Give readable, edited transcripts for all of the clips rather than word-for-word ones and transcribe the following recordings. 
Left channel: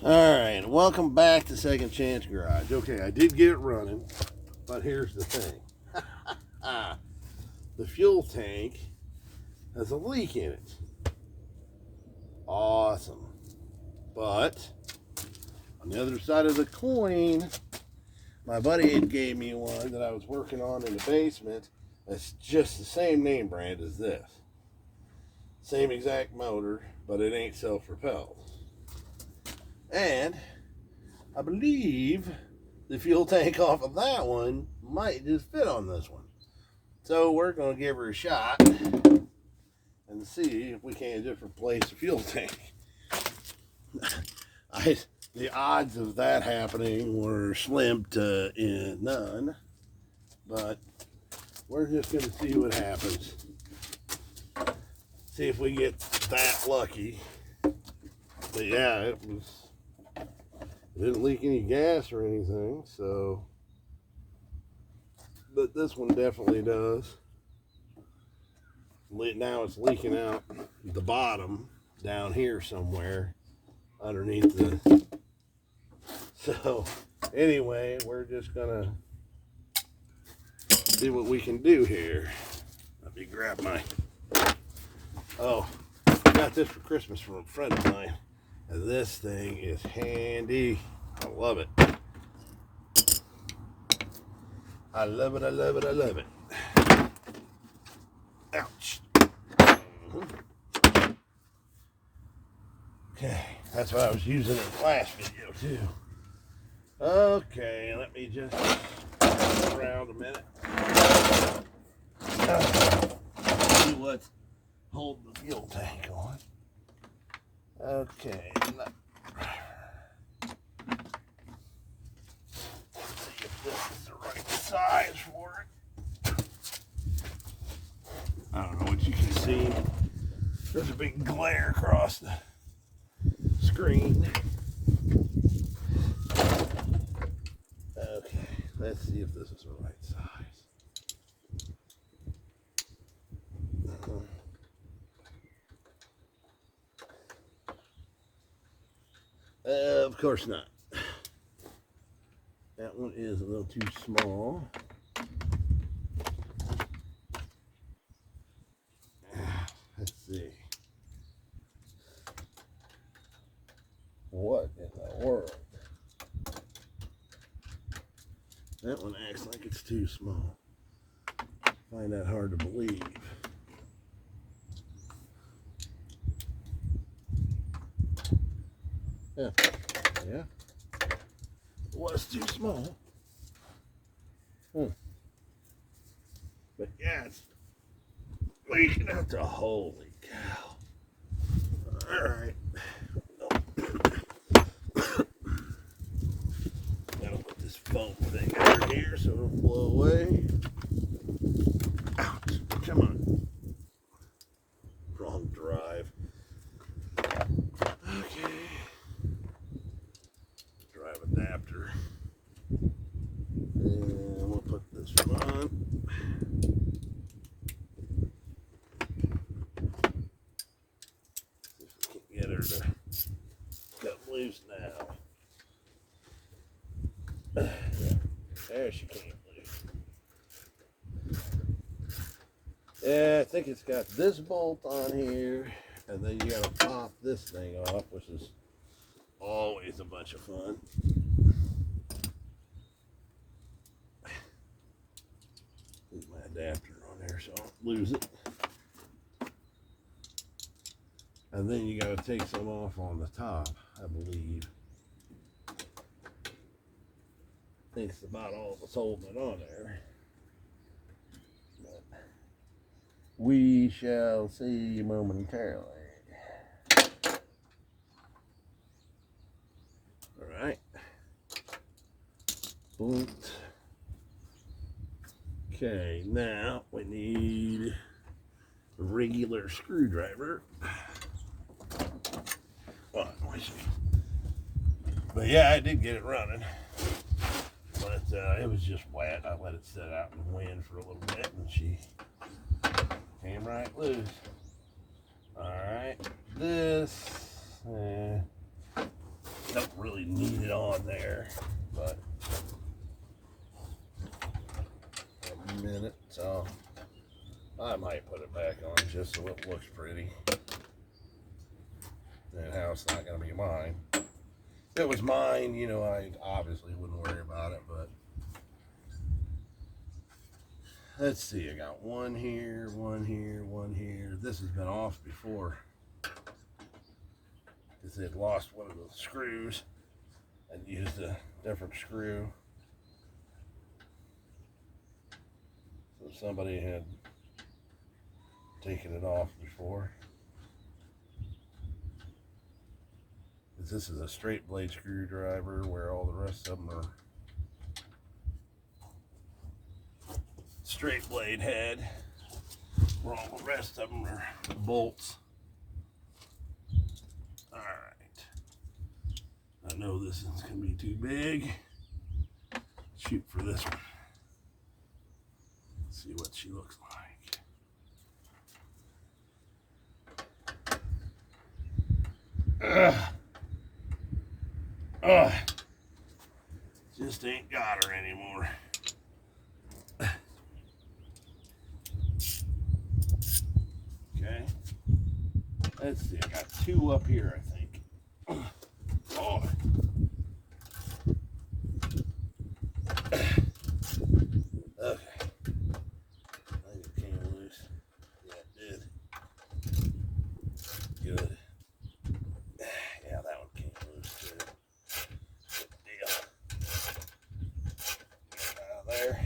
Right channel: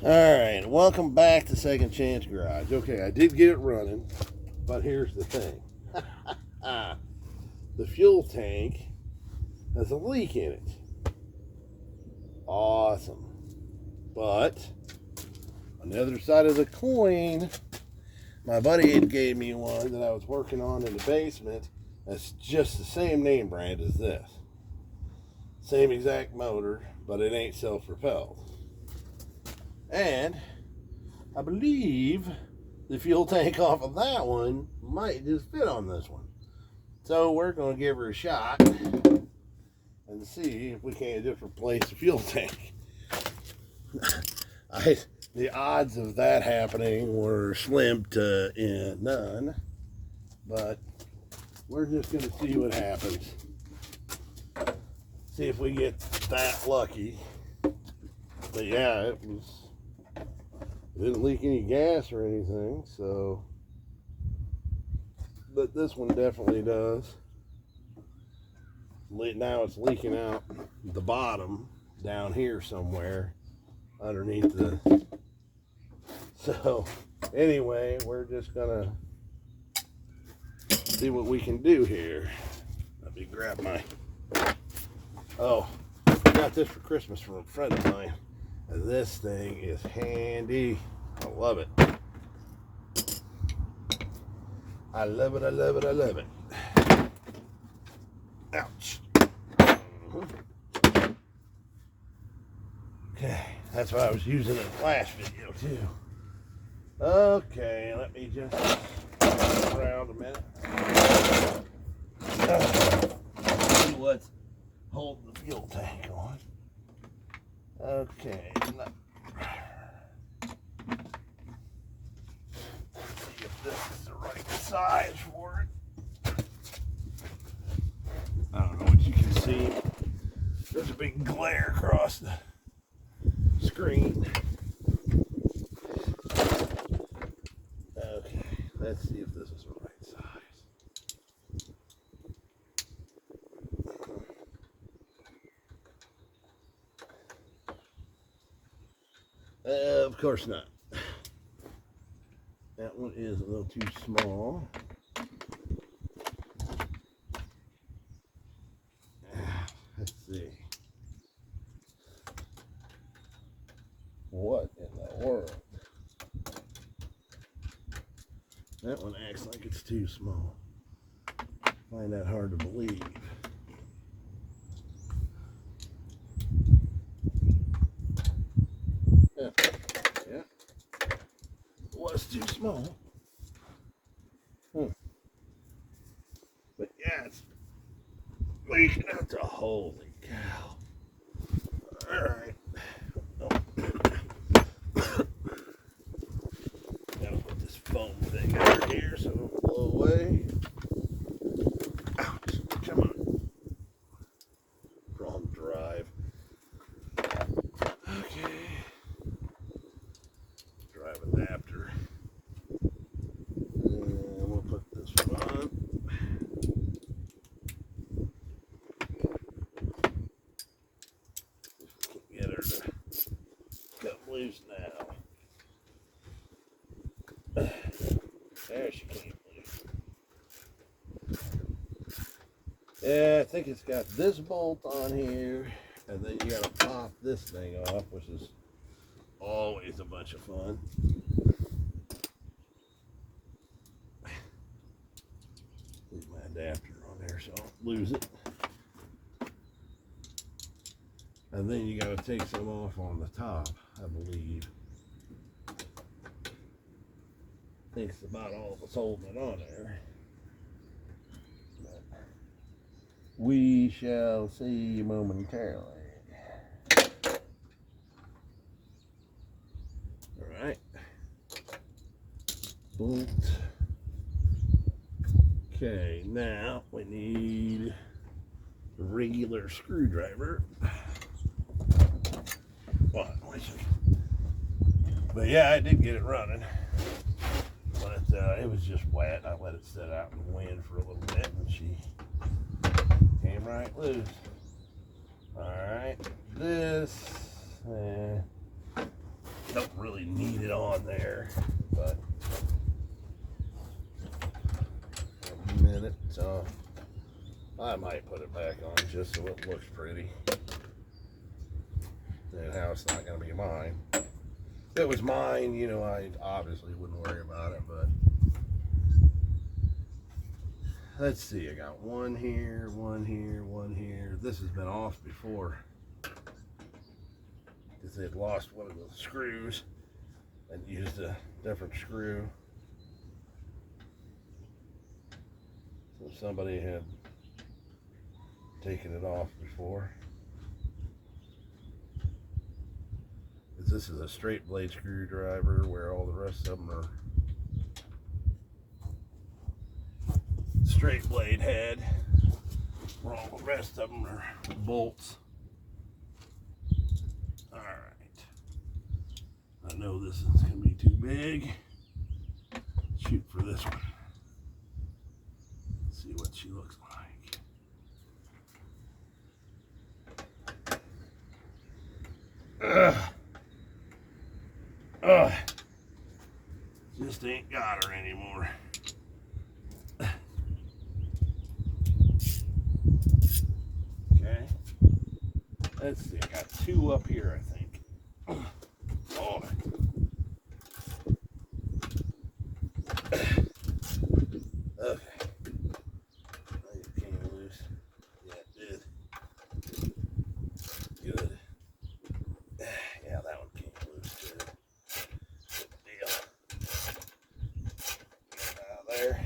Alright, welcome back to Second Chance Garage. Okay, I did get it running, but here's the thing. The fuel tank has a leak in it. Awesome. But, on the other side of the coin, my buddy had gave me one that I was working on in the basement that's just the same name brand as this. Same exact motor, but it ain't self-propelled. And I believe the fuel tank off of that one might just fit on this one. So we're going to give her a shot and see if we can't just replace the fuel tank. The odds of that happening were slim to none, but we're just going to see what happens. See if we get that lucky. But yeah, it didn't leak any gas or anything, so, but this one definitely does. Now it's leaking out the bottom down here somewhere underneath the, so anyway, we're just gonna see what we can do here. Let me grab my, I got this for Christmas from a friend of mine. This thing is handy. I love it. I love it, I love it, I love it. Ouch. Okay, that's what I was using in the last video too. Okay, let me just turn around a minute. See what's holding the fuel tank on. Okay, see if this is the right size for it. I don't know what you can see. There's a big glare across the screen. Okay, let's see if this is the right size. Of course not. That one is a little too small. Let's see. What in the world? That one acts like it's too small. I find that hard to believe. Yeah. It was too small. But yeah, it's leaking out the holy cow. Alright. Gotta put this foam thing over here so it don't blow away. Ouch. Come on. Wrong drive. Okay. Drive adapter. And we'll put this one on. See if we can get her to come loose now. There she came loose. Yeah, I think it's got this bolt on here, and then you gotta pop this thing off, which is always a bunch of fun. Leave my adapter on there so I don't lose it. And then you gotta take some off on the top, I believe. I think it's about all that's holding it on there. But we shall see momentarily. Alright. Bolt. Okay, now we need a regular screwdriver. But yeah, I did get it running. But it was just wet. I let it sit out in the wind for a little bit and she came right loose. Alright, this, nope, really need it on there, but a minute, so I might put it back on just so it looks pretty. And how it's not going to be mine. If it was mine, you know, I obviously wouldn't worry about it, but let's see, I got one here, one here, one here. This has been off before because they'd lost one of the screws and used a different screw. So somebody had taken it off before. This is a straight blade screwdriver where all the rest of them are straight blade head, where all the rest of them are bolts. All right. I know this is going to be too big. Shoot for this one. Let's see what she looks like. Just ain't got her anymore. Okay. Let's see, I got two up here, I think. Oh. Okay. I think it came loose. Yeah, it did. Good. Yeah, that one came loose too. Good deal. Get out of there.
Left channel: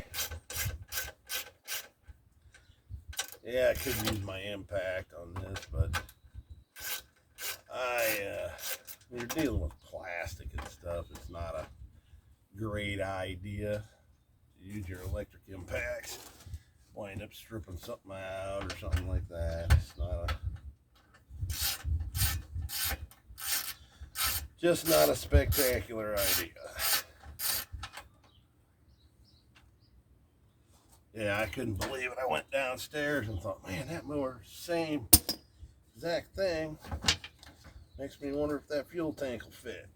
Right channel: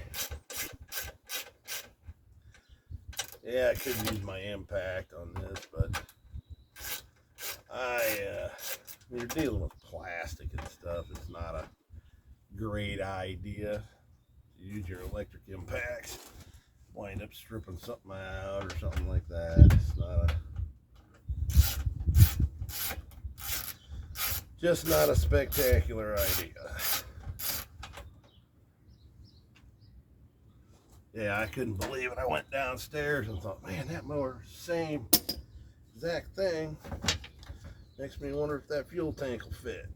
Yeah, I could use my impact on this, but when you're dealing with plastic and stuff, it's not a great idea to use your electric impacts. Wind up stripping something out or something like that. It's not just not a spectacular idea. Yeah, I couldn't believe it. I went downstairs and thought, man, that mower, same exact thing. Makes me wonder if that fuel tank will fit.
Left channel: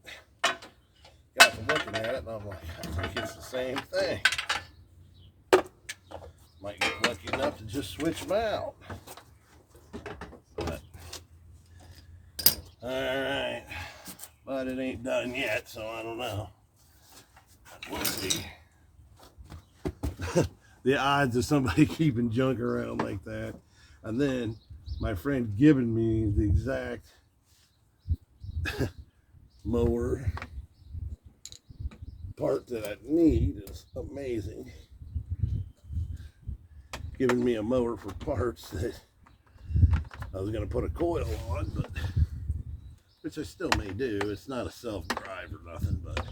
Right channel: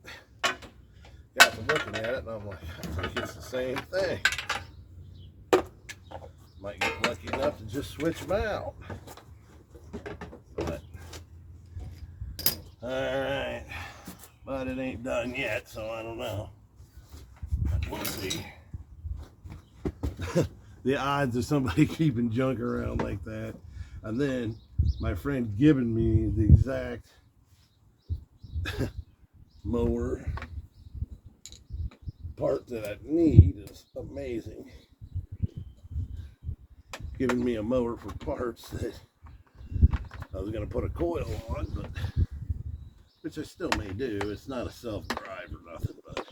Got to looking at it and I'm like, I think it's the same thing. Might get lucky enough to just switch them out. But, alright. But it ain't done yet, so I don't know. But we'll see. The odds of somebody keeping junk around like that. And then my friend giving me the exact mower part that I need is amazing. Giving me a mower for parts that I was going to put a coil on, but which I still may do. It's not a self-drive or nothing, but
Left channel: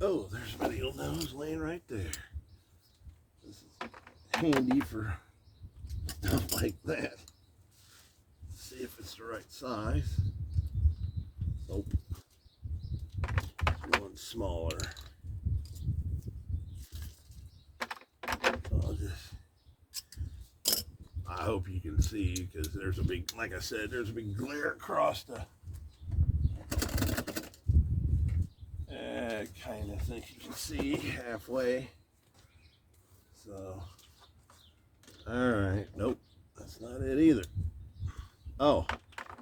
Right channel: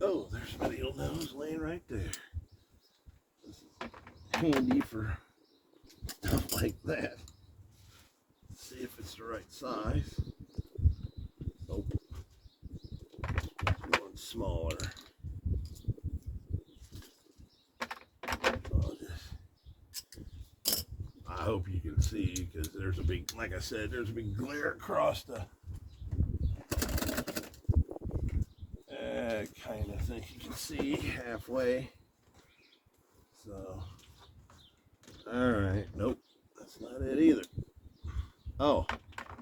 oh, there's a video nose laying right there. This is handy for stuff like that. Let's see if it's the right size. Nope. One smaller. I hope you can see because there's a big, like I said, there's a big glare across the. I kind of think you can see halfway. So, all right, nope, that's not it either. Oh,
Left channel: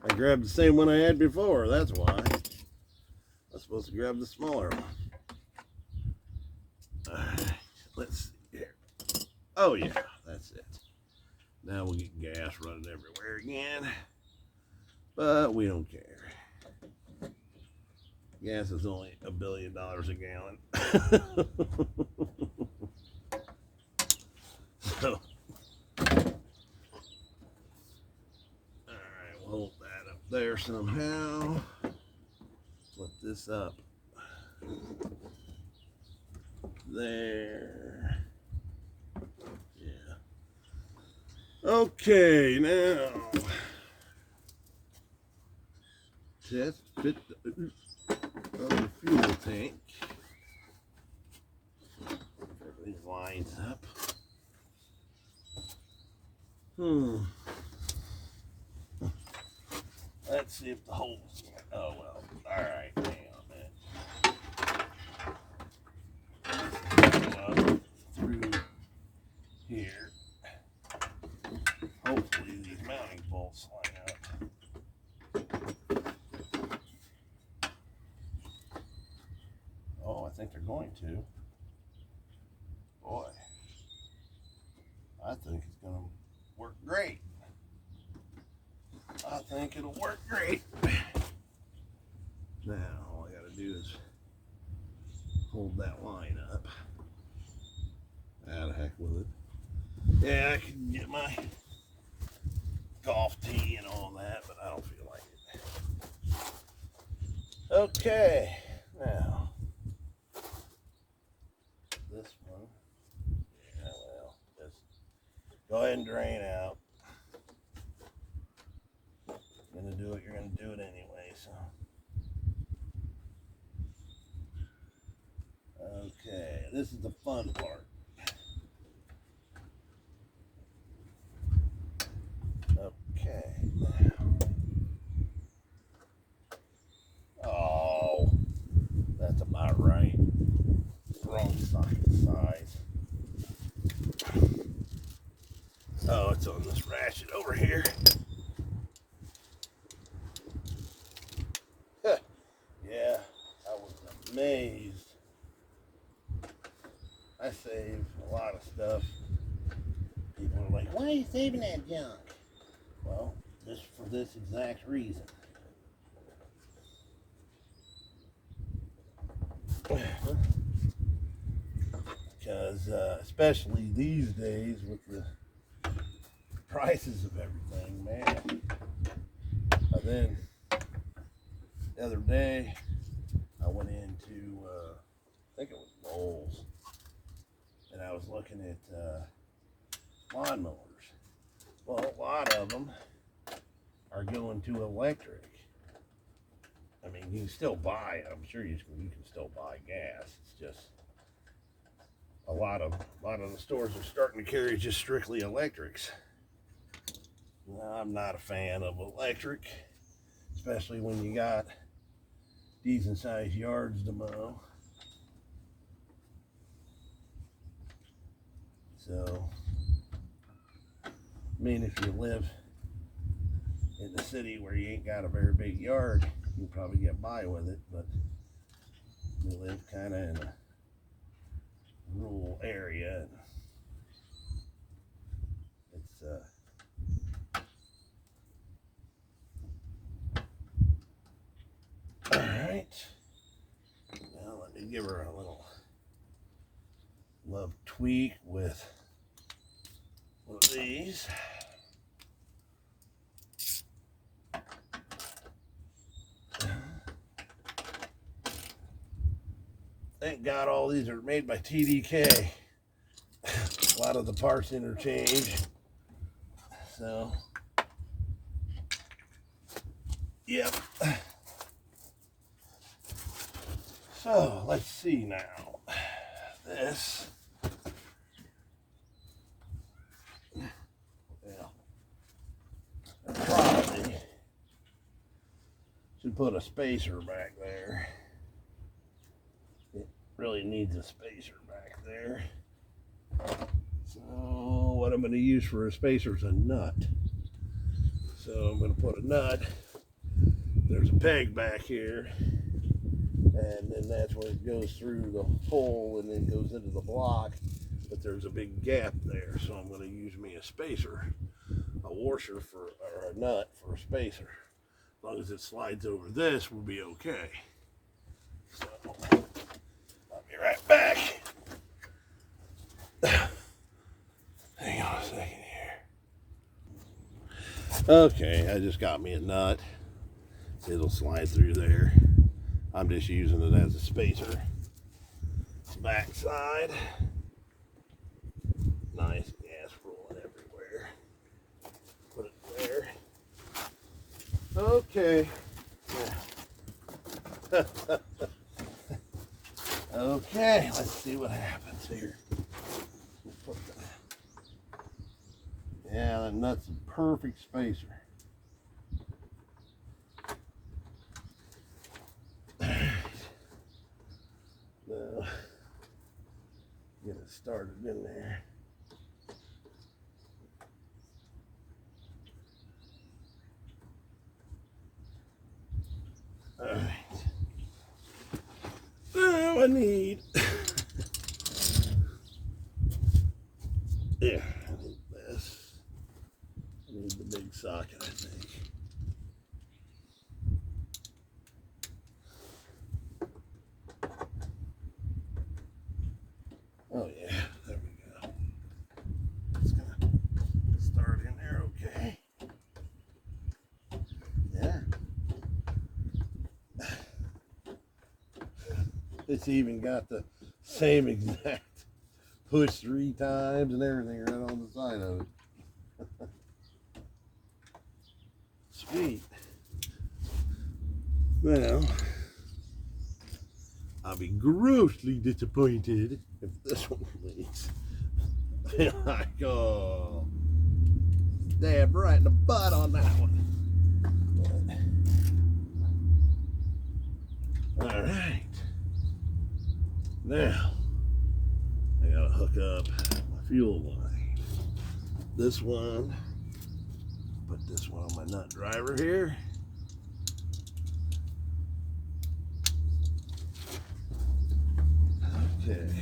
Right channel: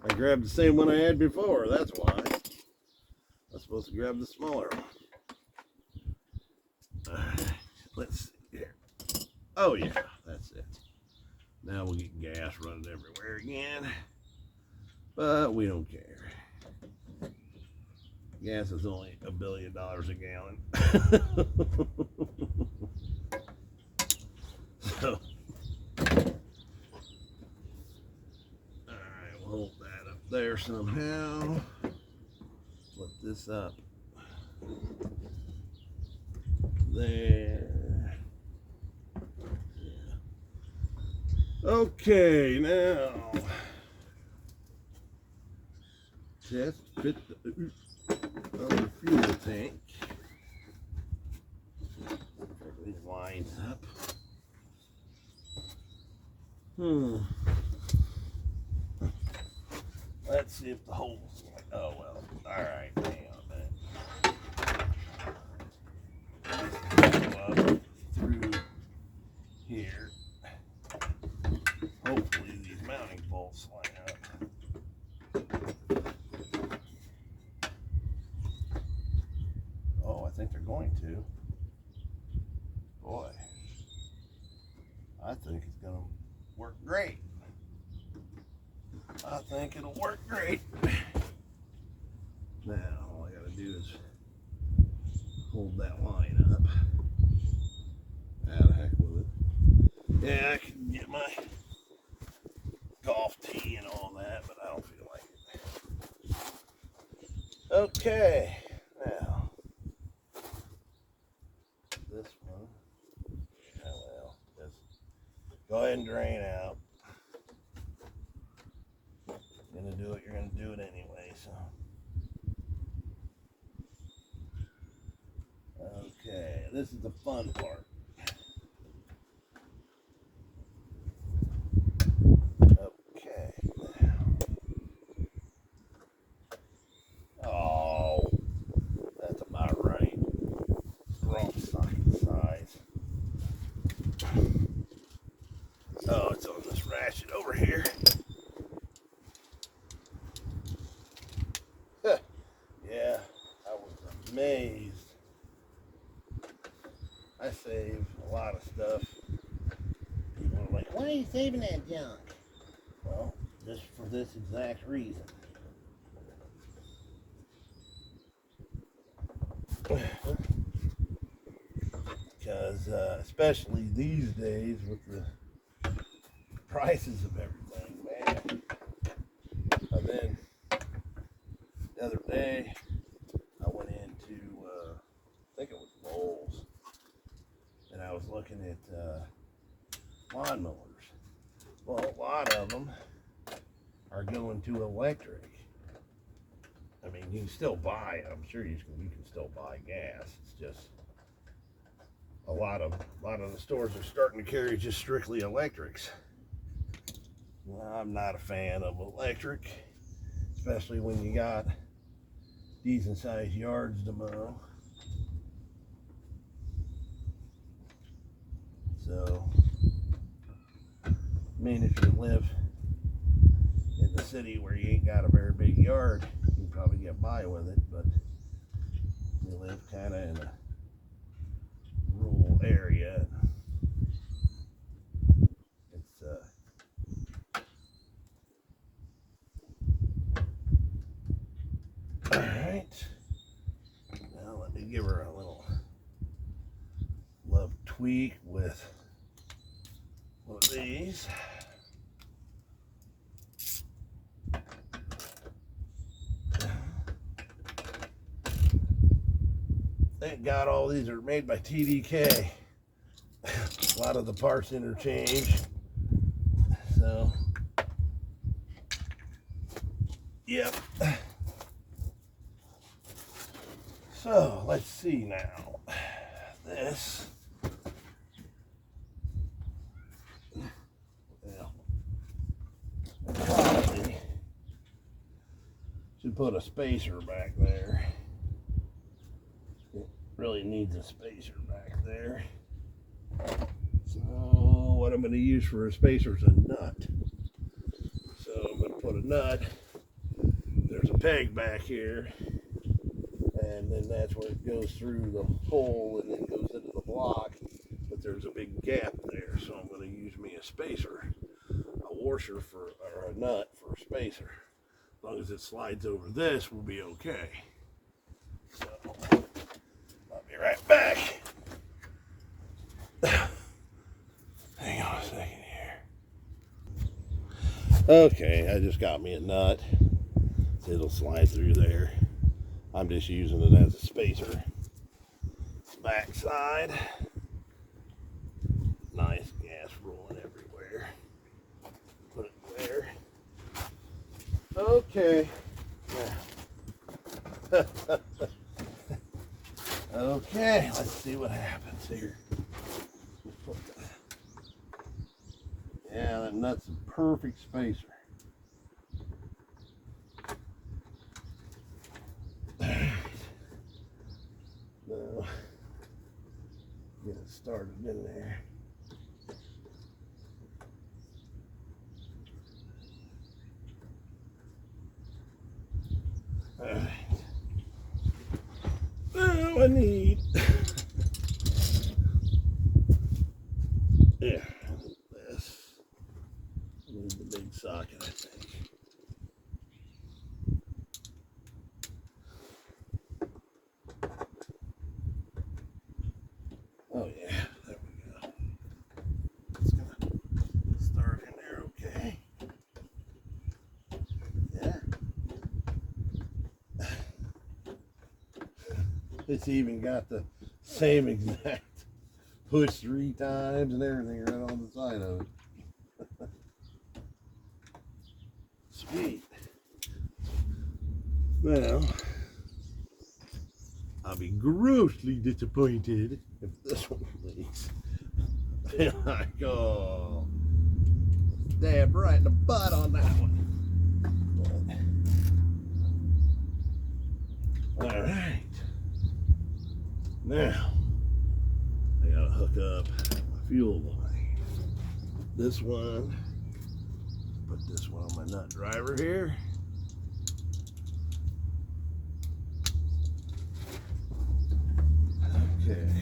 I grabbed the same one I had before. That's why. I was supposed to grab the smaller one. All right, let's see here. Oh yeah, that's it. Now we'll get gas running everywhere again, but we don't care. Gas is only $1 billion a gallon. So, alright, we'll hold that up there somehow. Flip this up. There. Yeah. Okay, now. Test fit the other fuel tank. Everything lines up. see if the holes. Oh well. All right. Hang on a minute. Go up through here. Hopefully these mounting bolts line up. Oh, I think they're going to. Boy, I think it's going to work great. I think it'll work great. Now, all I got to do is hold that line up. How the heck with it? Yeah, I can get my golf tee and all that, but I don't feel like it. Okay, now this one, yeah, well, just go ahead and drain out. You're gonna do it, you're gonna do it anyway, so. Okay, this is the fun part. Okay, now. Oh, that's about right. Wrong size. Oh, it's on this ratchet over here. Yeah, I was amazed. I save a lot of stuff. People are like, why are you saving that junk? Well, just for this exact reason. Because especially these days with the prices of everything, man. And then the other day I went into I think it was Lowe's, and I was looking at lawnmowers. Well, a lot of them are going to electric. I mean, you can still buy, I'm sure you can still buy gas. It's just a lot of the stores are starting to carry just strictly electrics. I'm not a fan of electric, especially when you got decent sized yards to mow. So, I mean, if you live in the city where you ain't got a very big yard, you can probably get by with it, but we live kind of in a rural area. It's all right. Now let me give her a little love tweak with one of these. Thank God all these are made by TDK. A lot of the parts interchange. So, yep. So, let's see now. This, well, I probably should put a spacer back there. It really needs a spacer back there. So what I'm going to use for a spacer is a nut. So I'm going to put a nut. There's a peg back here, and then that's where it goes through the hole and then goes into the block. But there's a big gap there, so I'm going to use me a spacer, a washer for, or a nut for a spacer. As long as it slides over this, we'll be okay. So I'll be right back. Hang on a second here. Okay, I just got me a nut. It'll slide through there. I'm just using it as a spacer. Back side. Nice gas rolling everywhere. Put it there. Okay. Okay, let's see what happens here. Yeah, that nut's a perfect spacer. get it started in there. All right. Well, I need. Yeah, this. I need the big socket, I think. Oh yeah, there we go. It's gonna start in there, okay. Yeah. It's even got the same exact push 3 times and everything right on the side of it. Sweet. Well, I'll be grossly disappointed if this one leaks. I go stab right in the butt on that one. But, all right. Now, I gotta hook up my fuel line. This one, put this one on my nut driver here. Okay.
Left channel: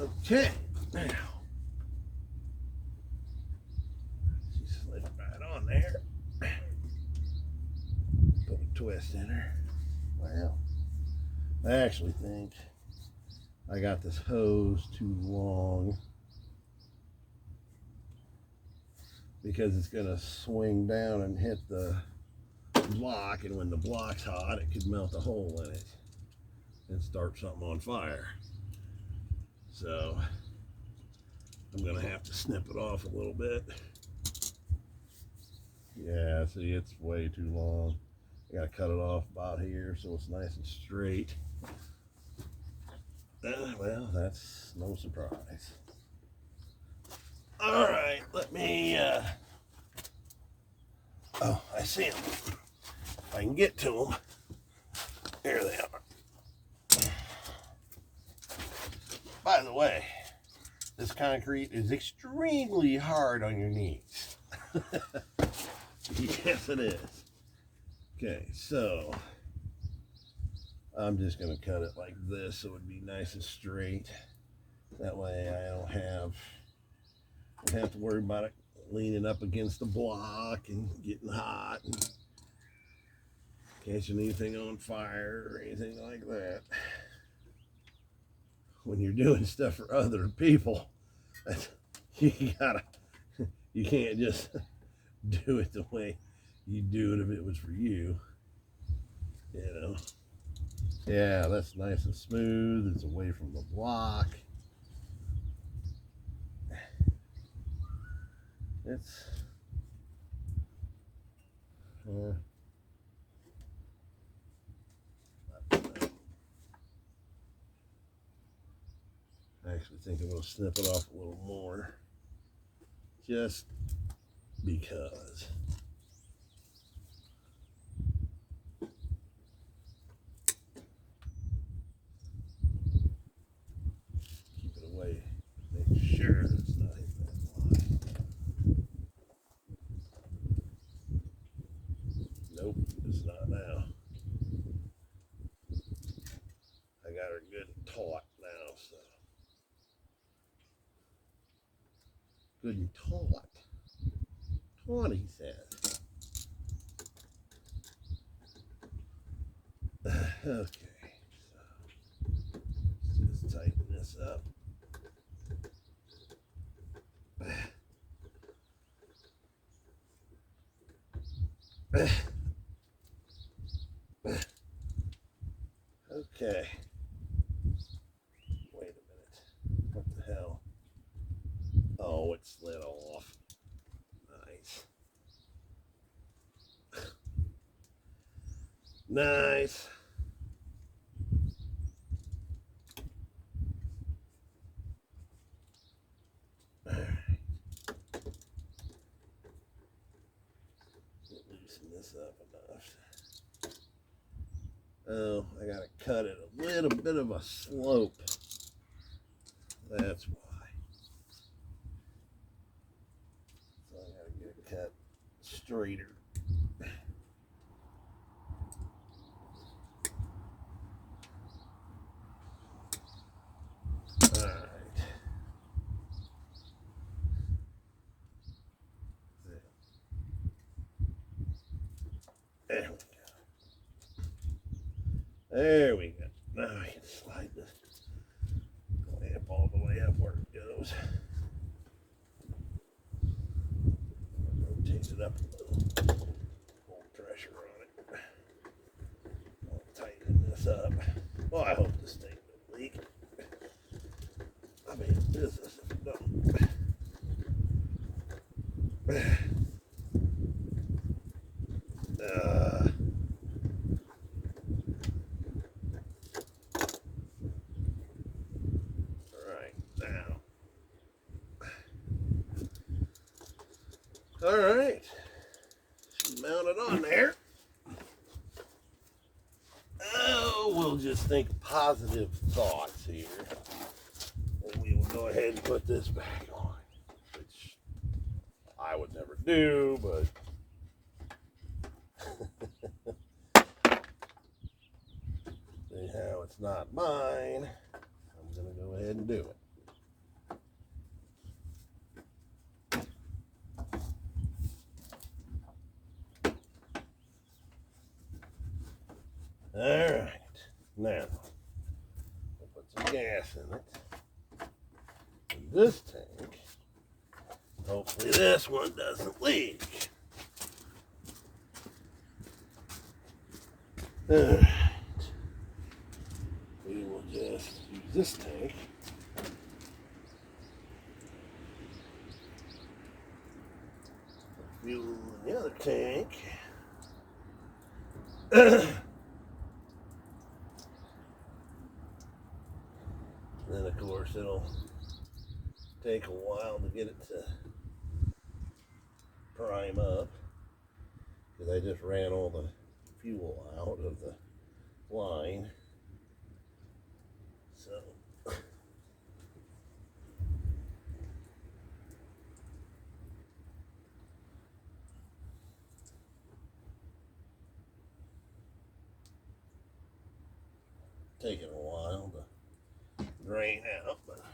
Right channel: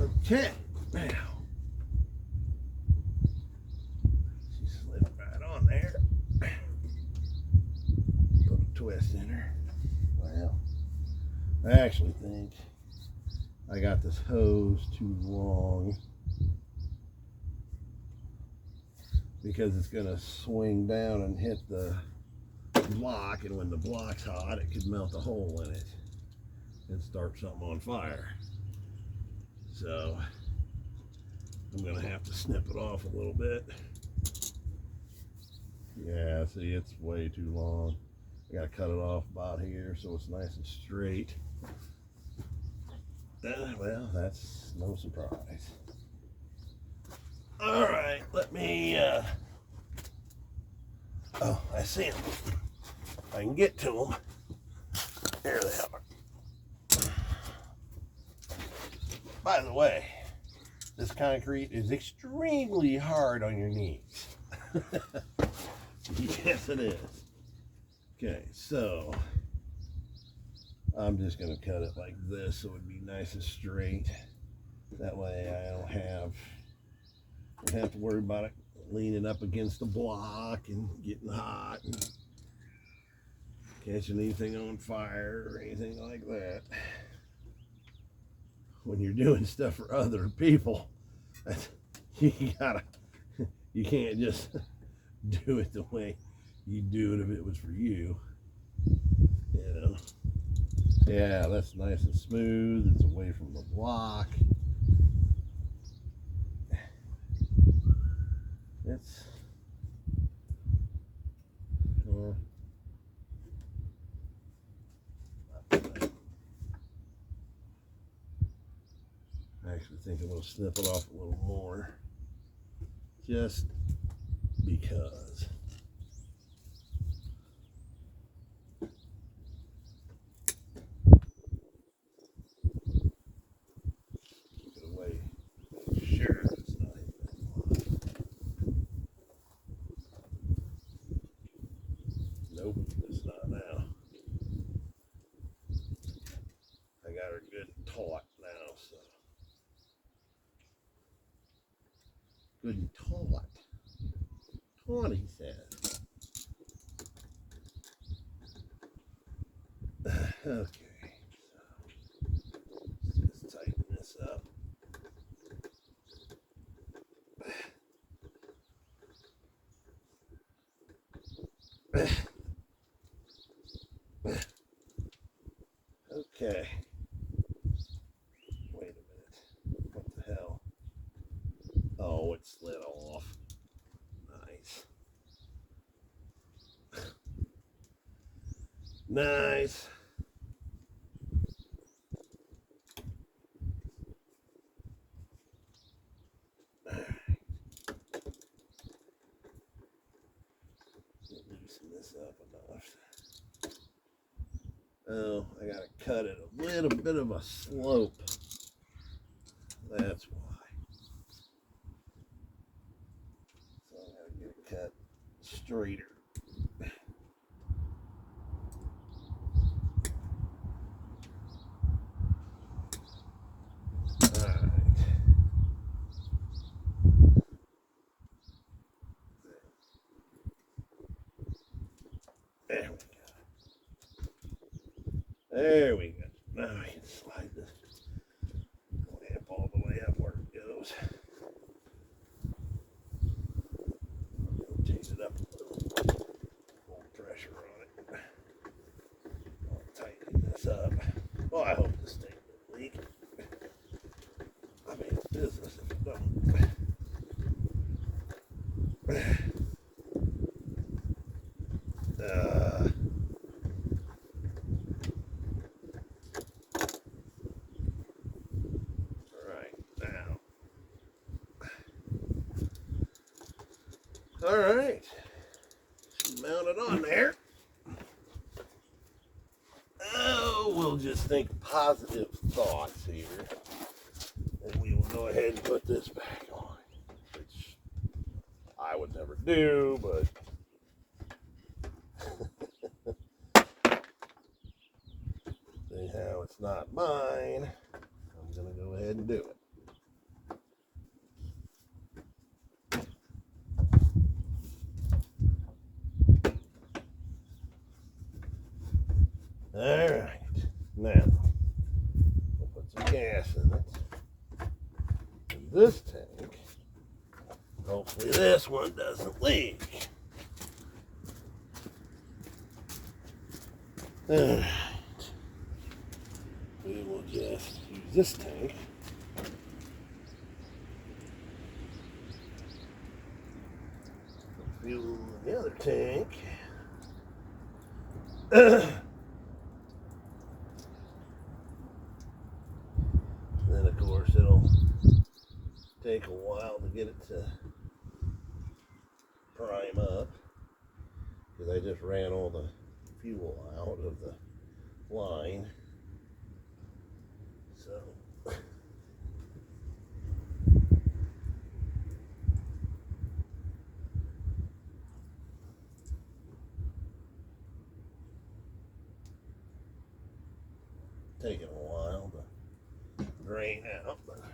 Okay, now she slid right on there. Put a twist in her. Well, I actually think I got this hose too long because it's gonna swing down and hit the block, and when the block's hot, it could melt a hole in it and start something on fire. So I'm gonna have to snip it off a little bit. Yeah, see, it's way too long. I gotta cut it off about here so it's nice and straight. Well, that's no surprise. All right, let me, oh, I see them. If I can get to them. Here they are. By the way, this concrete is extremely hard on your knees. Yes, it is. Okay, so I'm just going to cut it like this so it would be nice and straight. That way I don't have to worry about it leaning up against the block and getting hot and catching anything on fire or anything like that. When you're doing stuff for other people, you can't just do it the way you do it if it was for you. You know. Yeah, that's nice and smooth. It's away from the block. It's I actually think I'm going to snip it off a little more, just because. Keep it away, make sure it's not hitting that block. Nope, it's not now. I got her good taut now, so. Good and taut. Taut, he says. Okay, so let's just tighten this up. Okay. Wait a minute. What the hell? Oh, it slid off. Nice. Nice. this up enough. Oh, I gotta cut it a little bit of a slope. That's why. So I gotta get it cut straighter. Alright. There we go. There we go. Now I can slide this clamp all the way up where it goes. Rotate it up a little. Hold pressure on it. I'll tighten this up. Well, I hope this thing doesn't leak. I mean, it's business if it don't. All right, mount it on there. Oh, we'll just think positive thoughts here, and we will go ahead and put this back on, which I would never do, but see how it's not mine. I'm gonna go ahead and do it. All right, now we'll put some gas in it. And this tank, hopefully this one doesn't leak. All right, we will just use this tank. Put fuel in the other tank. Then, of course, it'll take a while to get it to prime up because I just ran all the fuel out of the line. So, taking a while to drain out, but